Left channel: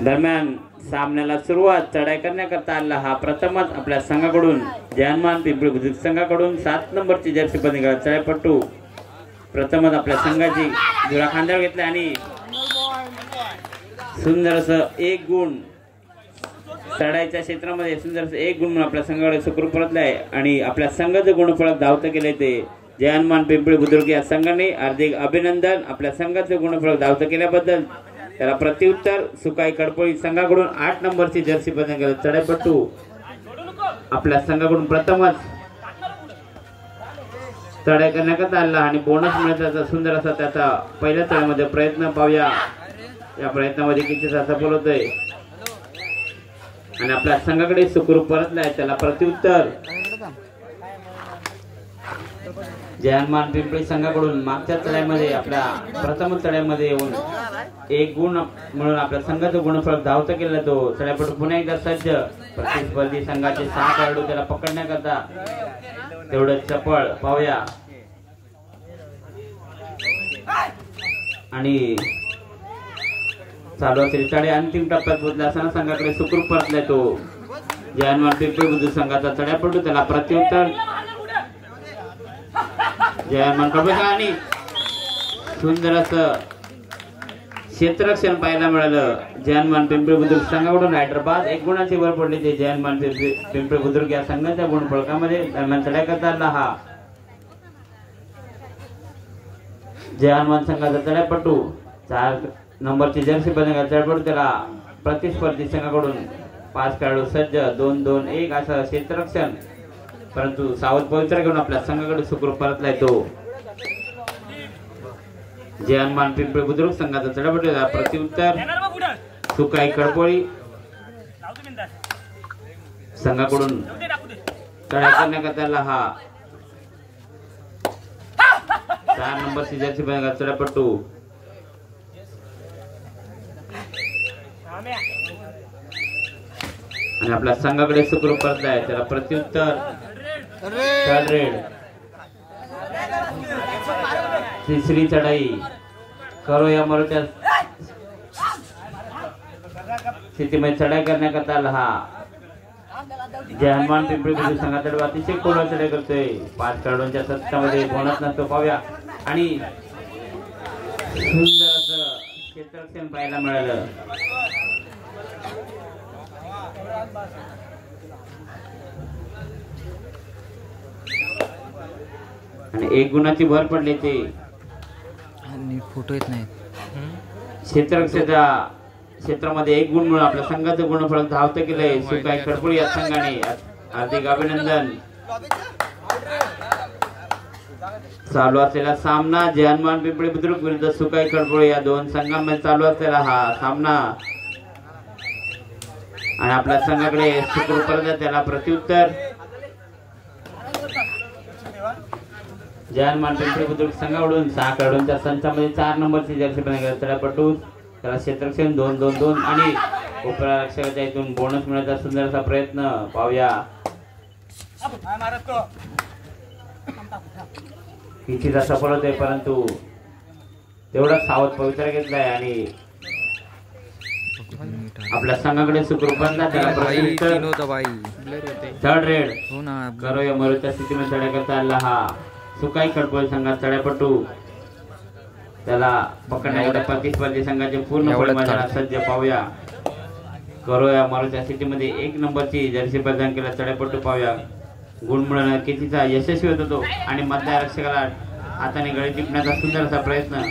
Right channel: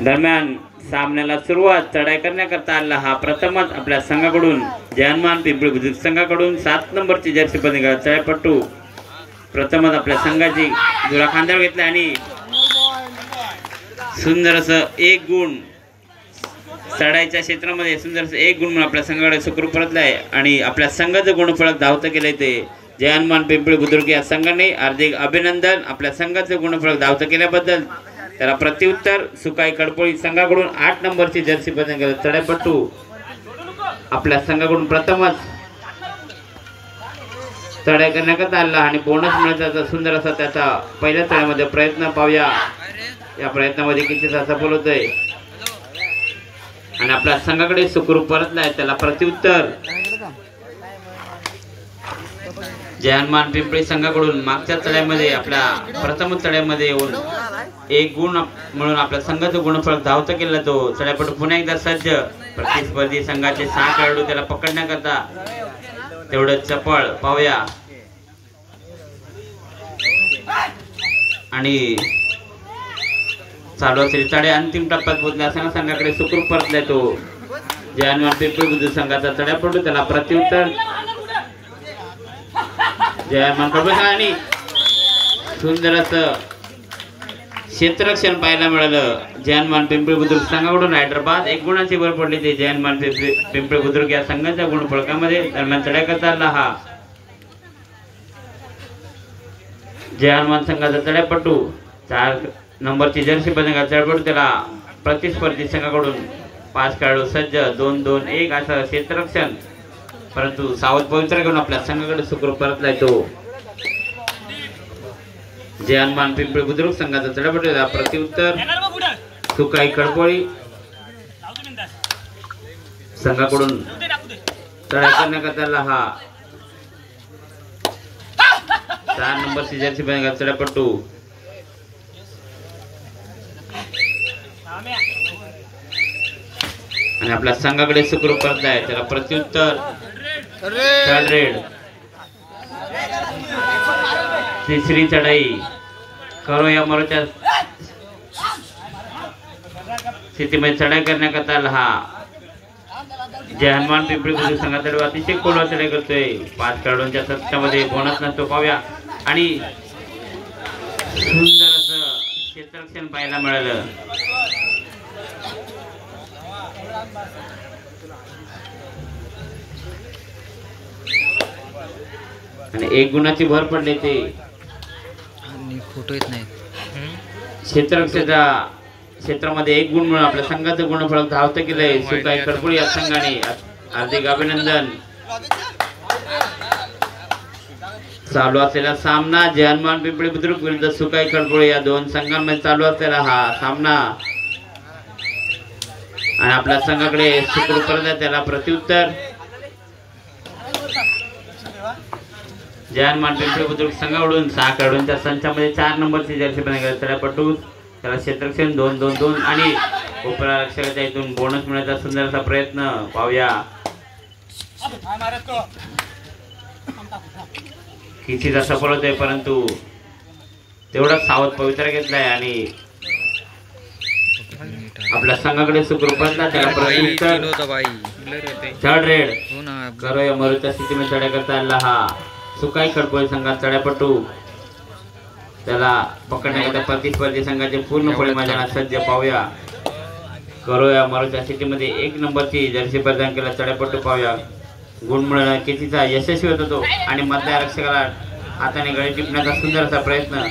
दरम्यान सामन्याला सुरुवात चढाई करण्याकरता आला हा प्रथमच आपल्या संघाकडून जयमान पिंपळी बुद्रुक संघाकडून 7 नंबरची जर्सी बंद चढाईपटू प्रथमच आपल्या संघाची जुरा खांद्यावर घेतला आणि सुंदर असं 1 गुण चढाईच्या क्षेत्रामध्ये सुंदर असं 1 गुण म्हणून आपल्या संघाकडे सुखरूप परतलाय आणि आपल्या संघाचं गुणफलक धावतं केलंय ते जयमान पिंपळी बुद्रुक या संघाने हार्दिक अभिनंदन. आपल्या संघाचं गुणफलक धावतं केल्याबद्दल त्याला प्रत्युत्तर सुकाई कडपोळी संघाकडून 8 नंबरची जर्सी बंद चढाईपटू आपल्या संघाकडून प्रथमच चढाई करण्याकरता आला आणि बोनस मिळण्याचा सुंदर असा त्याचा पहिल्या चढाईमध्ये प्रयत्न पाहूया. या प्रयत्नामध्ये किती सफल होतोय आणि आपल्या संघाकडे सुखरूप परतलाय त्याला प्रत्युत्तर जयमान पिंपळी संघाकडून मागच्या चढाईमध्ये आपल्या प्रथम चढाईमध्ये येऊन 1 गुण म्हणून आपल्या संघाचं गुणफलक धावतं केलं. तो चढाईपटू पुन्हा एकदा सज्ज प्रतिस्पर्धी संघाचे 6 खेळाडू त्याला पकडण्याकरता तेवढं चपळ पाहूया आणि चालू असेल चढाई अंतिम टप्प्यात पोहोचला असताना संघाकडे सुखरूप परतलाय तो जयमान पिंपळी बुद्रुक संघाचा चढाईपटू त्याला प्रत्युत्तर जयमान आणि सुंदर असं क्षेत्ररक्षण पाहायला मिळालं जयमान पिंपळी बुद्रुक संघाकडून. हैदराबाद 1 गुणाची भर पडली ते जयमान पिंपळी बुद्रुक या संघाच्या गुणफलकामध्ये. दरम्यान चढाई करता आला हा जयमान संघाचा चढाईपटू 4 नंबरची जर्सी बंद चढाईपटू त्याला प्रतिस्पर्धी संघाकडून 5 खेळाडू सज्ज 2-2-1 असं क्षेत्ररक्षण परंतु सावध पवित्र घेऊन आपल्या संघाकडे सुखरूप परतलाय तो जयमान पिंपळी बुद्रुक संघाचा चढाईपटू प्रत्युत्तर सुकाई कडपोळी संघाकडून चढाई करण्याकरता हा 4 नंबरची जर्सी बंद चढाईपटू आणि आपल्या संघाकडे सुखरूप परतलाय त्याला प्रत्युत्तर रेड. तिसरी चढाई करो या मरोच्या स्थितीमध्ये चढाई करण्याकरता आला हा जयमान पिंपळी बुद्रुक संघाचा अतिशय कोलवा चढाई करतोय. 5 खेळाडूंच्या सत्तामध्ये बोनस नसतो पाहूया आणि सुंदर असं क्षेत्ररक्षण पाहायला मिळालं. आणि 1 गुणाची भर पडली ते फोटो येत नाही क्षेत्ररक्षणाच्या क्षेत्रामध्ये 1 गुण म्हणून आपल्या संघाचं गुणफलक धावतं केलंय सुकाई कडपोळी या संघाने. हार्दिक अभिनंदन. चालू असलेला सामना जयमान पिंपळी बुद्रुक विरुद्ध सुकाई कडपोळी या 2 संघांमध्ये चालू असलेला हा सामना आणि आपल्या संघाकडे सुखरूप परतलाय त्याला प्रत्युत्तर जयमान पिंपळी बुद्रुक संघाकडून 6 खेळाडूंच्या संचामध्ये 4 नंबरची जर्सी बंद चढाईपटू त्याला क्षेत्ररक्षण 2-2-2 आणि उपरक्षकाच्या इथून बोनस मिळण्याचा सुंदर असा प्रयत्न पाहूया. कितीचा सफल होतोय परंतु तेवढा सावध पवित्र घेतलाय आणि आपल्या संघाकडे सुखरूप परतला त्याला प्रत्युत्तर थर्ड रेड करो या मरोच्या स्थितीमध्ये चढाई करता आला हा सुकाई कडपोळी संघात चढाईपटू त्याला पकडण्याकरता प्रतिस्पर्धी संघाचे पूर्णपणे मैदानात सज्ज पाहूया. करो या मरोच्या स्थितीमध्ये 1 नंबरची जर्सी प्रदान केला चढाईपटू पाहूया. गुण मिळवणं कितीचा यशस्वी होत होतो आणि मधल्या रक्षकाला हाताने गळी टिपण्याचा सुंदर असा प्रयत्न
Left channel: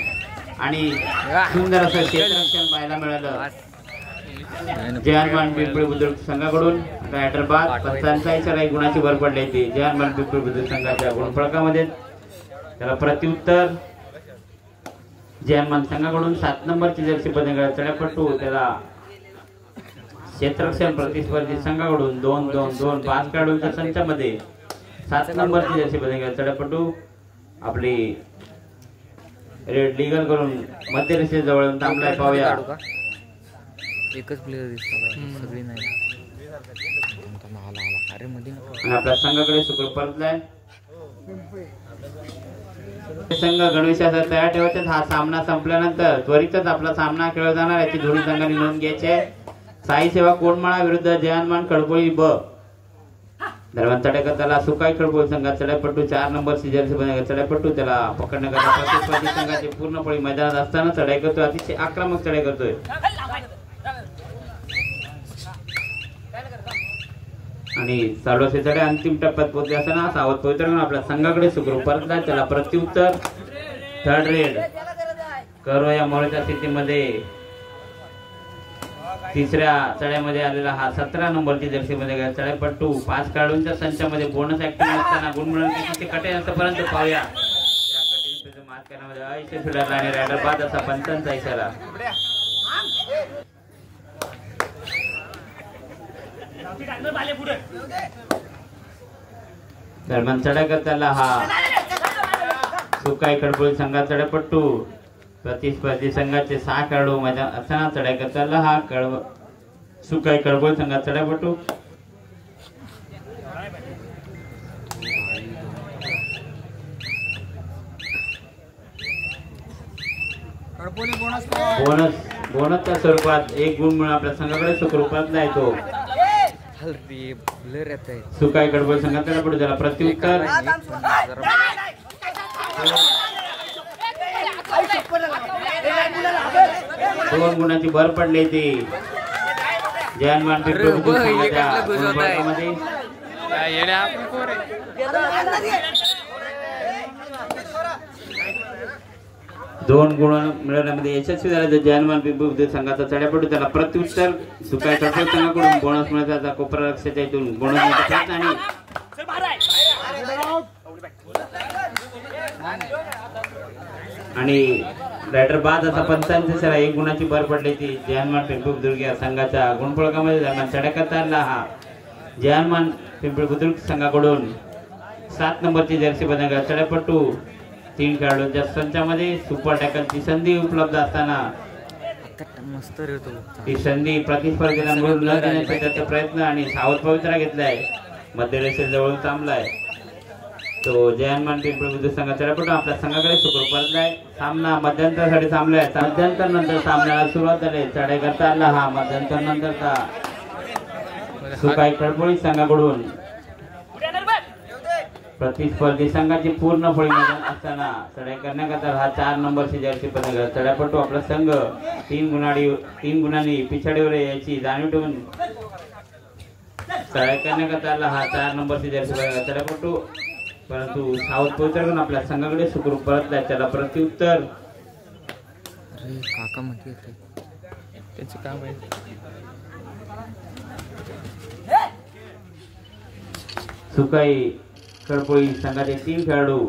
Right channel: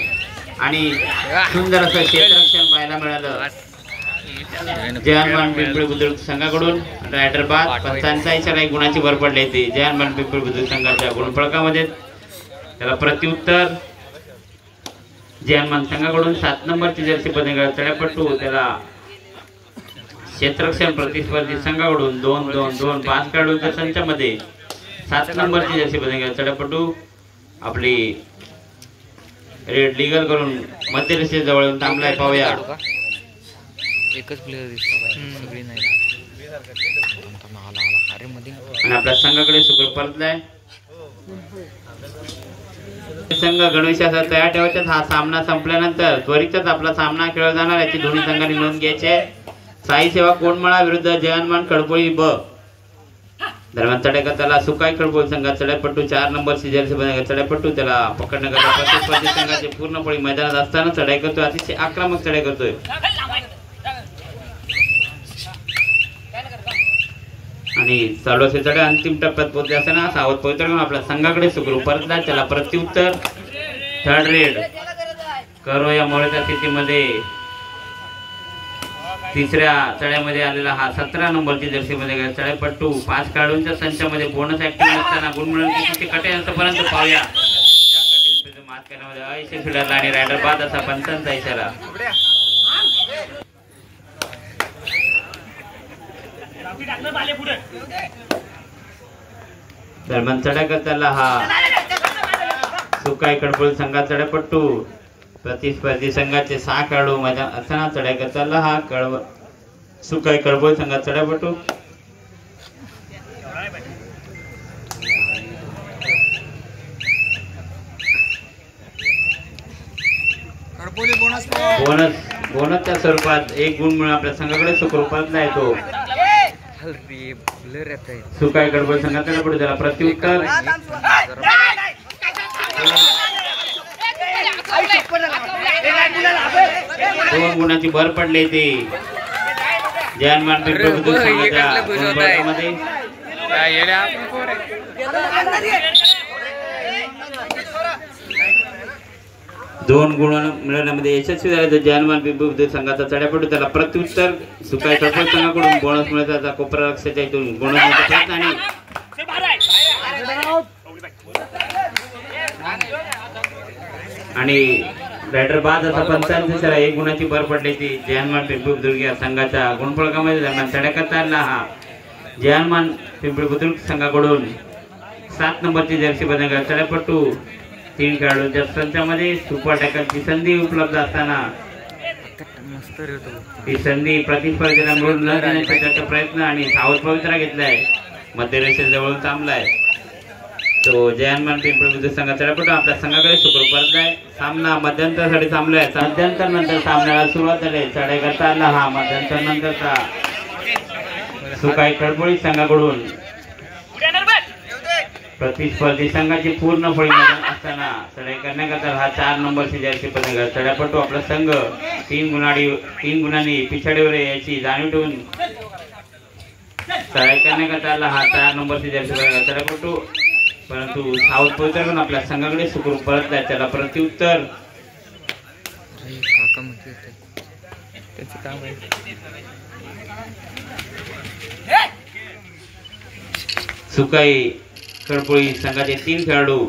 आणि सुंदर असं क्षेत्ररक्षण पाहायला मिळालं जयमान पिंपळी बुद्रुक संघाकडून. हैदराबाद 45 गुणाची भर पडली होती जयमान पिंपळी बुद्रुक संघाच्या गुणफलकामध्ये. त्याला प्रत्युत्तर जयमान संघाकडून 7 नंबरची जर्सी बंद चढाईपटू त्याला क्षेत्ररक्षण प्रतिस्पर्धी संघाकडून 2-2-2 5 खेळाडूंच्या संचामध्ये 7 नंबरची जर्सी बंद चढाईपटू आपली रेड लिगल करून मध्य रेषेजवळ थांबलाय पाहूया. एकच प्लेयर दिसतो सगळी नाही आणि आपल्या संघाकडे सुखरूप परतलाय संघ गणवेशाचा तयार ठेवायचा. हा सामना संपल्यानंतर त्वरितच आपला सामना खेळला जाणार याची दोन्ही संघांनी नोंद घ्यायची आहे. साई सेवा कोंडमाळा विरुद्ध जयनमान खडपोळी ब. दरम्यान चढाईकरताला सुकाई खडपोळी संघात चढाईपट्टू 4 नंबर जर्सी चढाईपट्टू त्याला पकडण्याकरता संघाचे पूर्णपणे मैदानात असताना चढाई करतोय. अतिशय आक्रमक चढाई करतोय आणि चालू असे चढाई अंतिम टप्प्यात पोहोचले असताना सावध पवित्र आपल्या संघाकडे सुखरूप परतला. त्याला प्रत्युत्तर थर्ड रेड करो या मोळ्याच्या स्थितीमध्ये तिसऱ्या चढ्यामध्ये आलेला हा 17 नंबरची जर्सी मध्ये चढाईपट्टू 5 खेळाडूंच्या संचामध्ये बोनस ऍक्टिव्ह असताना गुणमुळांची कटेपर्यंत पाहूया. या कटिंग मात करण्यामध्ये अयशस्वी ठरला आणि रायडर बाद असा पंचांचा इशारा. दरम्यान चढाई करताना हा सुकाई खडपोळी संघात चढाईपट्टू प्रतिस्पर्धी संघाचे 6 खेळाडू मैदान असताना चढाई करताना हा सुकाई खडपोळी संघात चढाईपट्टू बोनसच्या स्वरूपात 1 गुण मिळून आपल्या संघाकडे सुखरूपात येतो. सुकाई खडपोळी संघात चढाईपट्टू त्याला प्रत्युत्तर 2 गुणाची भर पडली ती जयनमान पिंपरी संघाच्या गुणफलकामध्ये. 2 गुण मिळवण्यामध्ये यशस्वी झाले. जयनमान पिंपरी संघाचा चढाईपट्टू त्याला प्रत्युत्तर सुकाई खडपोळी संघाकडून बोनस मिळवण्याचा कोपरा लक्षाच्या इथून बोनस आणि बॅटर बाद असा 85 1 गुणाची भर पडली ती जयनमान पिंपरी बुद्रुक संघाच्या गुणफलकामध्ये. दरम्यान चढाई करताना हा जयनमान पिंपरी बुद्रुक संघाकडून 7 नंबरची जर्सी बदल चढाईपट्टू 3 खेळाडूंच्या संचामध्ये सुपर टॅकलची संधी उपलब्ध असताना ती संधी प्रतिस्पर्धीला मिळून न देण्याचा प्रयत्न आणि सावध पवित्रा घेतलाय. मध्यरेषेजवळून थांबलाय तो जयनमान पिंपरी बुद्रुक संघाचा चढाईपट्टू आपल्या संघाकडे सुखरूप परतलाय. सामना मध्यंतरासाठी थांबलाय. मध्यंतर नंतर सामन्याला सुरुवात झाली. चढाई करता आला हा मध्यंतर नंतरचा सुकाई खडपोळी संघाकडून प्रतिस्पर्धी संघाची पूर्ण फळी असताना चढाई करण्याकरता हा 4 नंबरची जर्सी पदक चढाईपट्टू आपला संघ 3 गुणांनी पिछाडीवर याची जाणीव ठेवून चढाई करण्याकरता आला हा 4 नंबरची जर्सी पदक चढाईपट्टू परंतु सावध पवित्र आपल्या संघाकडे सुखरूप परतला. त्याला प्रत्युत्तर सुकाई खडपोळी संघाचे 3 खेळाडू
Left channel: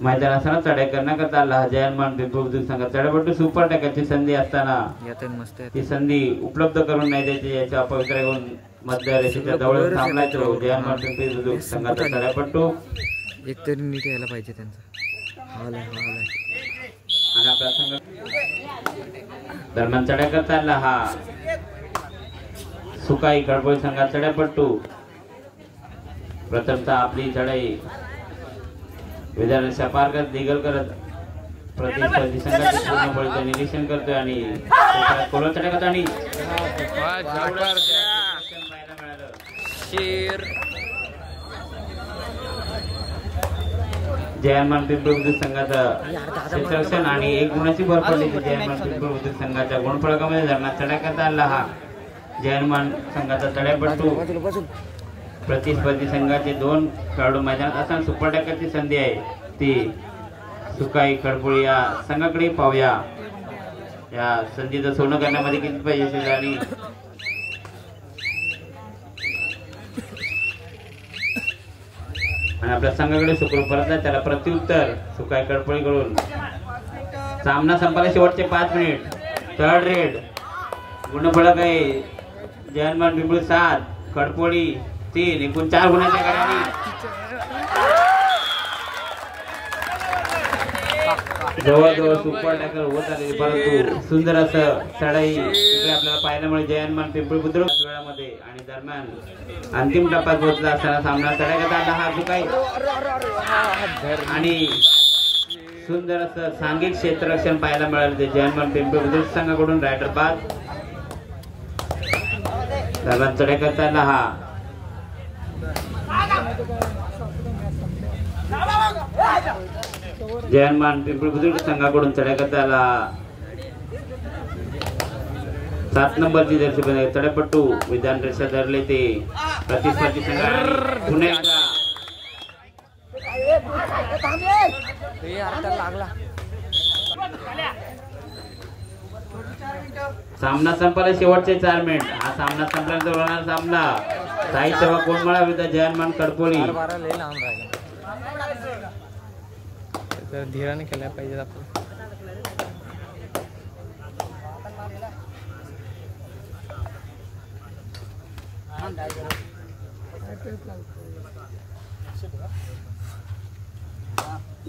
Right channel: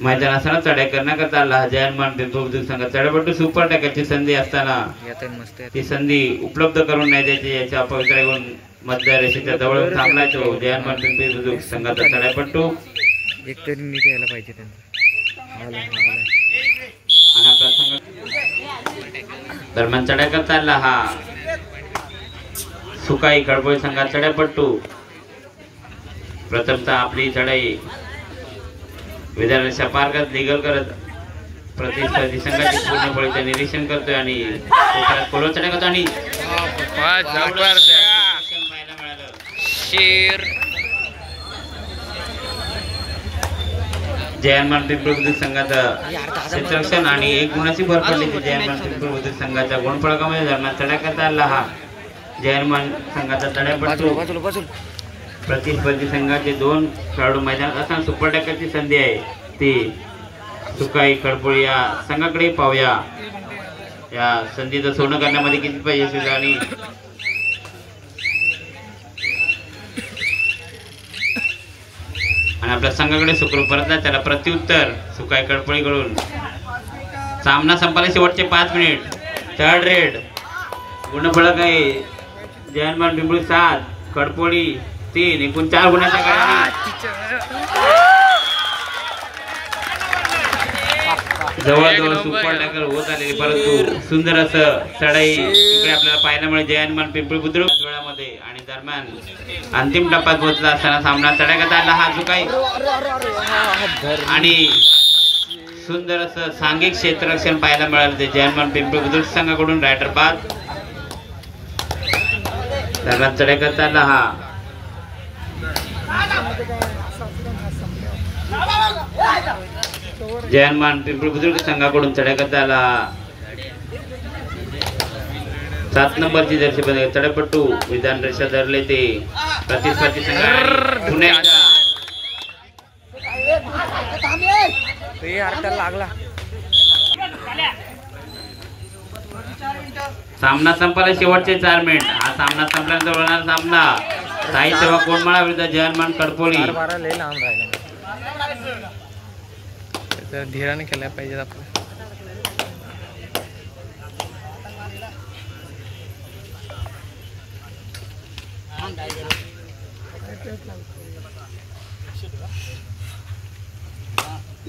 मैदानासह चढाई करण्याकरता आला. जयनमान पिंपरी संघात चढाईपट्टू सुपर टॅकलची संधी असताना ती संधी उपलब्ध करून नाही द्यायची याच्या पवित्रा घेऊन मध्य रेषेच्या जवळ थांबलाय तो जयनमान पिंपरी संघाचा चढाईपट्टू. एक तरी नीट यायला पाहिजे दरम्यान चढाई करता आला हा सुकाई खडपोळी संघात चढाईपट्टू प्रथमतः आपली चढाई विधानसभा पार करत दिगल करत प्रतिस्पर्धी संघाचे पूर्णपणे निरीक्षण करतोय आणि चढाई करतो आणि जयनमान पिंपरी बुद्रुक संघाचा क्षेत्ररक्षण आणि 1 गुणाची भर पडली जयनमान पिंपरी बुद्रुक संघाच्या गुणफलकामध्ये. दरम्यान चढाई करता आला हा जयनमान संघाचा चढाईपट्टू प्रतिस्पर्धी संघाचे 2 खेळाडू मैदानात असताना सुपर टॅकलची संधी आहे ती सुकाई खडपोळी या संघाकडे पाहूया. या संधीचं सोनं करण्यामध्ये किती पाहिजे आणि आपल्या संघाकडे सुखरूप परतला. त्याला प्रत्युत्तर सुकाई खडपोळीकडून. सामना संपायला शेवटचे 5 मिनिट. थर्ड रेड गुणफलक आहे जयनमान पिंपरी 7 खडपोळी 3 एकूण 4 गुणाच्या जवळजवळ सुपर टॅकल होत आलेली परंतु सुंदर असं चढाई इकडे आपल्याला पाहायला मिळेल जयनमान पिंपरी बुद्रुक वेळामध्ये. आणि दरम्यान दरम्यान अंतिम टप्प्यात पोहोचला असताना सामना तडाख्यात आला हा जो काही आणि सुंदर असं सांघिक क्षेत्ररक्षण पाहायला मिळालं ते जयमान पिंपरी बुद्रुक संघाकडून रायडर बाद दरम्यान तडाख्यात आला हा जयमान पिंपरी बुद्रुक संघाकडून तडाख्यात आला 7 नंबरची जर्सी बंद तडपट्टू विधान रेषा धरले ते प्रतिस्पर्धी सामना संपला शेवटचे 4 मिनिट हा सामना संपल्यानंतर होणार सामना साई सेवा कोंडमाळा विरुद्ध जयमान कडपोळी धीराने खेळायला पाहिजे आपलं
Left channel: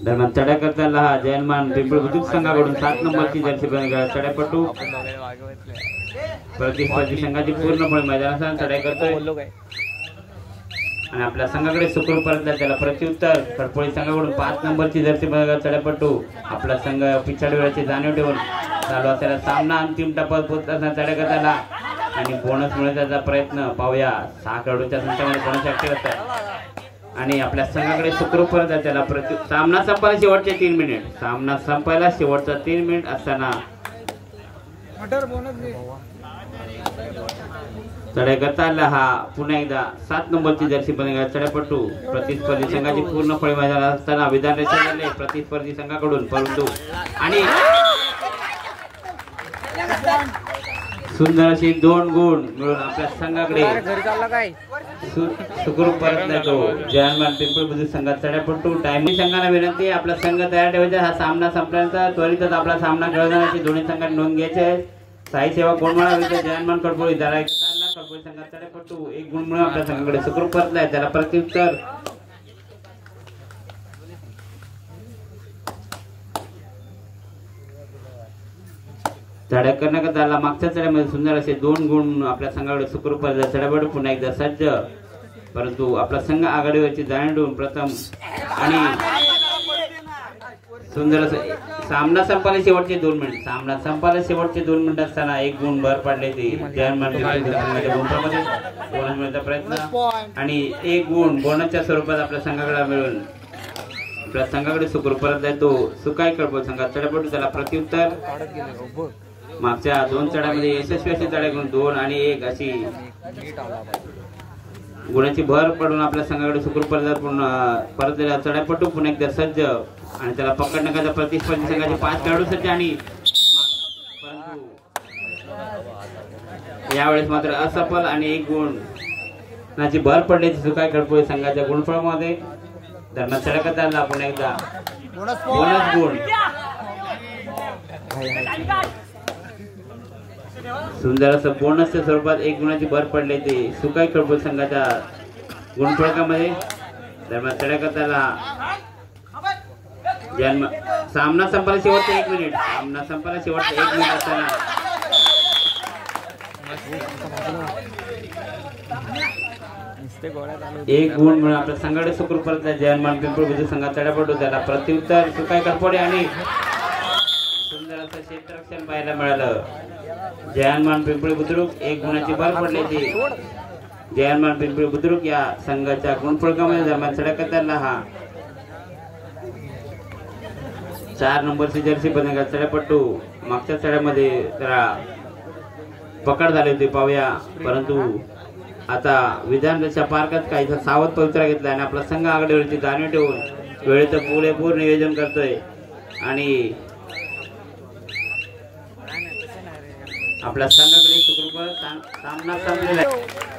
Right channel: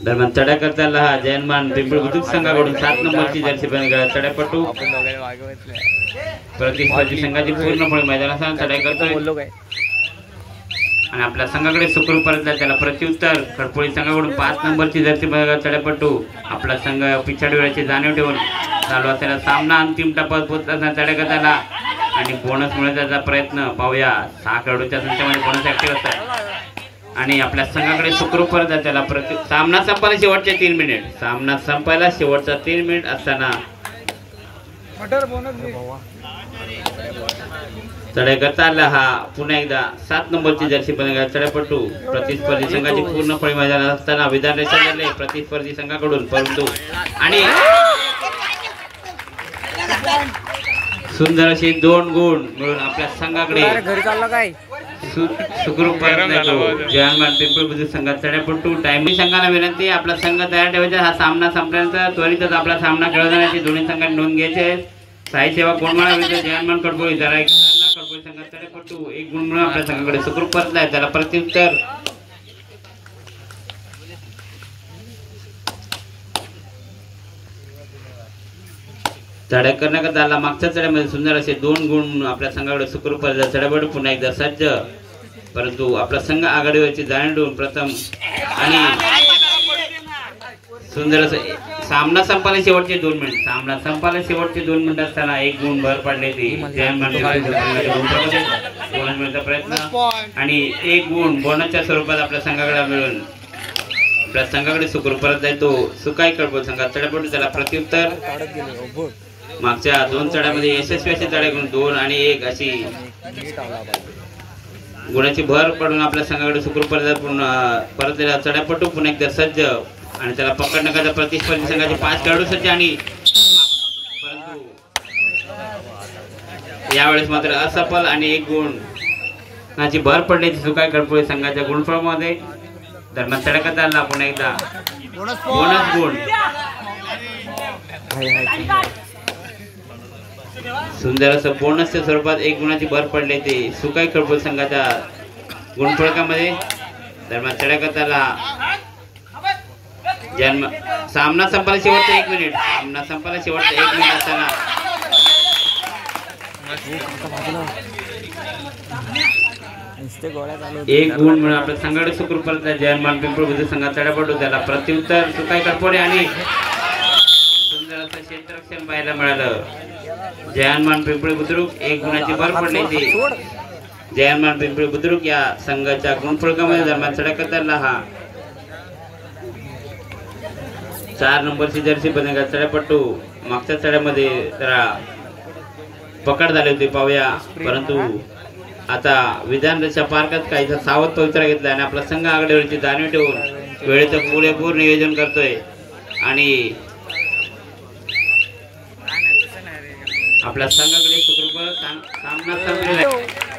दरम्यान चढ्या करताना हा जयमान पिंपरी बुद्रुक संघाकडून 7 नंबरची जर्सी चढ्यापटू प्रतिस्पर्धी संघाची पूर्णपणे मैदानात चढाई करतोय आणि आपल्या संघाकडे सुखरूप परतला त्याला प्रत्युत्तर कडपोळी संघाकडून 5 नंबरची जर्सी चढ्यापटू आपला संघ पिछाडी वेळाची जाणीव ठेवून चालू असलेला सामना अंतिम टप्प्यात पोहोचला चढ्या करताना आणि बोनस मिळवण्याचा प्रयत्न पाहूया 6 खेळाडूंच्या संख्येमध्ये बोनस ऍक्टिव्ह असतात आणि आपल्या संघाकडे सुखरूप परत आहे त्याला सामना संपायला शेवटचे 3 मिनिट सामना संपायला शेवटचा 3 मिनिट असताना चढाई करता आला हा पुन्हा एकदा 7 नंबरची जर्सी चढ्यापटू प्रतिस्पर्धी संघाची पूर्णपणे मैदानात असताना विधान रेषा धरले प्रतिस्पर्धी संघाकडून परंतु आणि सुंदर अशी 2 गुण मिळून आपल्या संघाकडे सुखरूप परत जयमान पिंपरी बुद्रुक संघात चढ्यापटू टाइम संघाला विनंती आपला संघ तयार ठेवायचा हा सामना संपल्यानंतर त्वरितच आपला सामना खेळला जाण्याची दोन्ही संघांनी नोंद घ्यायची आहे साई सेवा कोंडमाळा विरुद्ध जयमान कडपोळी जरा कडपोळी संघात चढ्यापटू 1 गुण मिळून आपल्या संघाकडे सुखरूप परतलाय त्याला प्रत्युत्तर चढ्या करण्याकरता आला मागच्या चढ्यामध्ये सुंदर असे 2 गुण आपल्या संघाकडे सुखरूप चढ्यापटू पुन्हा एकदा सज्ज परंतु आपला संघ आघाडीवरची जाणीव ठेवून प्रथम आणि सुंदर असं सामना संपायला शेवटचे 2 मिनिट सामना संपायला शेवटचे 2 मिनिट असताना 1 गुण भर पडले ते मिळवण्याचा प्रयत्न आणि 1 गुण बोनसच्या स्वरूपात आपल्या संघाकडे मिळून आपल्या संघाकडे सुखरूप परत जातो सुकाई कडपोळी संघात चढ्यापटू त्याला प्रत्युत्तर मागच्या 2 चढ्यामध्ये यशस्वी अशी चढ्या करून 2 आणि 1 अशी गुणाची भर पडून आपल्या संघाकडे सुखरूप परतलेला चढ्यापटू पुन्हा एकदा सज्ज आणि त्याला पकडण्याकरता प्रतिस्पर्धी संघाचे 5 खेळाडू सज्ज आणि परंतु यावेळेस मात्र असफल आणि 1 गुणाची भर पडल्याची सुकाई कडपोळी संघाच्या गुणफळामध्ये दरम्यान चढ्याकरता आला पुन्हा एकदा बोनस गुण सुंदर असं बोनसच्या स्वरूपात 1 गुणाची भर पडली ते सुकाई कडपोळी संघाच्या गुणफळकामध्ये दरम्यान चढ्याकरता आला सामना संपायला शेवटचा 1 मिनिट सामना संपायला शेवटचा 1 मिनिट असताना 1 गुण म्हणून आपल्या संघाकडे सुखरूप परत जयमान पिंपरी बुद्रुक संघात चढ्यापटू त्याला प्रत्युत्तर सुकाई कडपोळी आणि सुंदर असं क्षेत्ररक्षण पाहायला मिळालं जयमान पिंपरी बुद्रुक 1 गुणाची भर पडली ती जयमान पिंपरी बुद्रुक या संघाच्या गुणफळकामध्ये दरम्यान चढ्याकरता हा 4 नंबरची जर्सी बंद चढ्यापटू मागच्या चढ्यामध्ये जरा पकड झाली होती पाहूया परंतु आता विधान रेषा पार्कात काही सावध पवित्रा घेतला आणि आपला संघ आघाडीवरची जाणीव ठेवून वेळेचं पुरेपूर नियोजन करतोय आणि आपल्या संघाकडे सुखरूप सामना संपलेला आहे.